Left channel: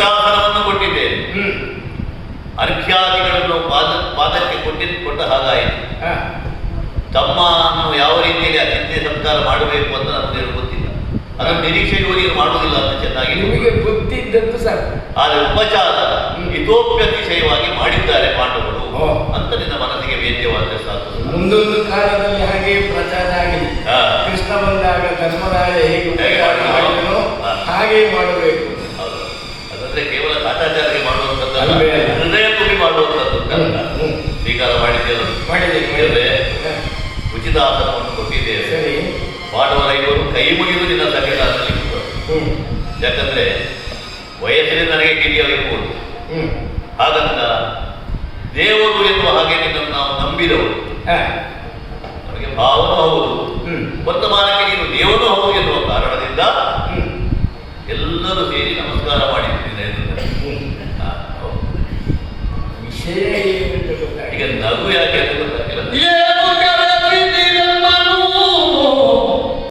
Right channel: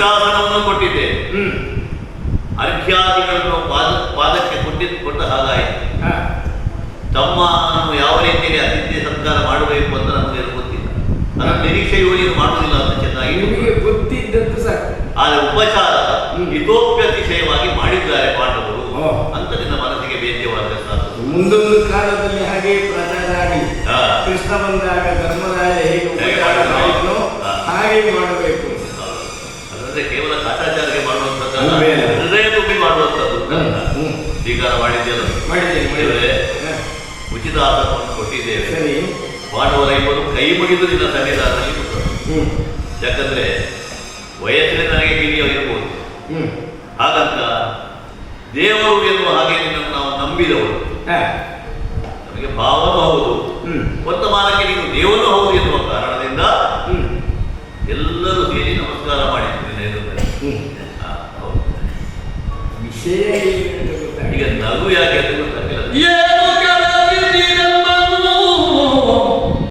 ವೃಕ್ಷಾಸನವನ್ನು ಕೊಟ್ಟಿದ್ದೆ. ಅರ್ಘ್ಯಾದಿಗಳನ್ನು ಪಾದಕ್ಕೆ ಕೊಟ್ಟ ಹಾಗಾಯಿತು. ತಮ್ಮನ್ನು ಯಾವ ರೀತಿಯಲ್ಲಿ ಅತಿಥ್ಯ ಸಂಸ್ಕಾರ ಮಾಡಬೇಕು ಅಂತ ನಮಗೆ ಗೊತ್ತಿಲ್ಲ. ಅದರ ನಿರೀಕ್ಷೆಯೂ ನೀವು ಮಾಡುವುದಿಲ್ಲ ಅಂತ ಚೆನ್ನಾಗಿ ನಿಮಗೆ ಗೊತ್ತಿದ್ದದ್ದು ಸಾಕು. ಆದರೆ ಉಪಚಾರ ಹಿತೋಪ್ಯತಿಶಯವಾಗಿ ಮಾಡಿದ್ದಾರೆ ಪಾಂಡವರು ಅಂತ ನಿನ್ನ ಮನಸ್ಸಿಗೆ ವೇದ್ಯವಾದ ಸಾಕು. ಮುಂದೊಂದು ಕಾಲದಲ್ಲಿ ಹಾಗೆ ಪ್ರಚಾರ ಆಗಿ ಕೃಷ್ಣ ಬಂದಾಗ ಧರ್ಮರಾಯ ಹೇಗೆ ಮಾಡಿದನೋ ಹಾಗೆ ಮಾಡಬೇಕು. ಅದರಂದ್ರೆ ಕೇವಲ ಕಾಟಾಚಾರಕ್ಕೆ ಮಾಡುವಂಥದ್ದಲ್ಲ, ಹೃದಯ ತುಂಬಿ ಮಾಡುವಂಥದ್ದು. ಸ್ವೀಕಾರ ಮಾಡಿದ್ದೇವೆ, ಉಚಿತ ಆಸನವನ್ನು ಕೊಟ್ಟಿದ್ದೇವೆ. ಪಾಂಡವರ ಇವರು ಕೈ ಮುಗಿದು ನಿನ್ನ ಸನ್ನಿಧಾನದಲ್ಲಿ ಯಾಕಂದ್ರೆ ವಯಸ್ಸಿನ ನನಗೆ ಕಿರಿಯರಿರ್ಬೋದು. ಹಾಗಂತ ದೇವರು ಎನ್ನುವ ಹಾಗೆ ನಿನ್ನನ್ನು ನಾವು ನಂಬಿದವರು. ನಮಗೆ ಭಾವನೂ ಹೌದು, ವರ್ತಮಾನಕ್ಕೆ ನೀನು ದೇವರು ಹೌದು ಎನ್ನುವ ಕಾರಣದಿಂದ ಎಲ್ಲರೂ ಸೇರಿ ನಮಸ್ಕಾರ ಮಾಡಿದ್ದೀನಿ. ವಿಷಯ ಈಗ ನಗು ಯಾಕೆ ಅಂತ ಗೊತ್ತಾಗಿಲ್ಲ.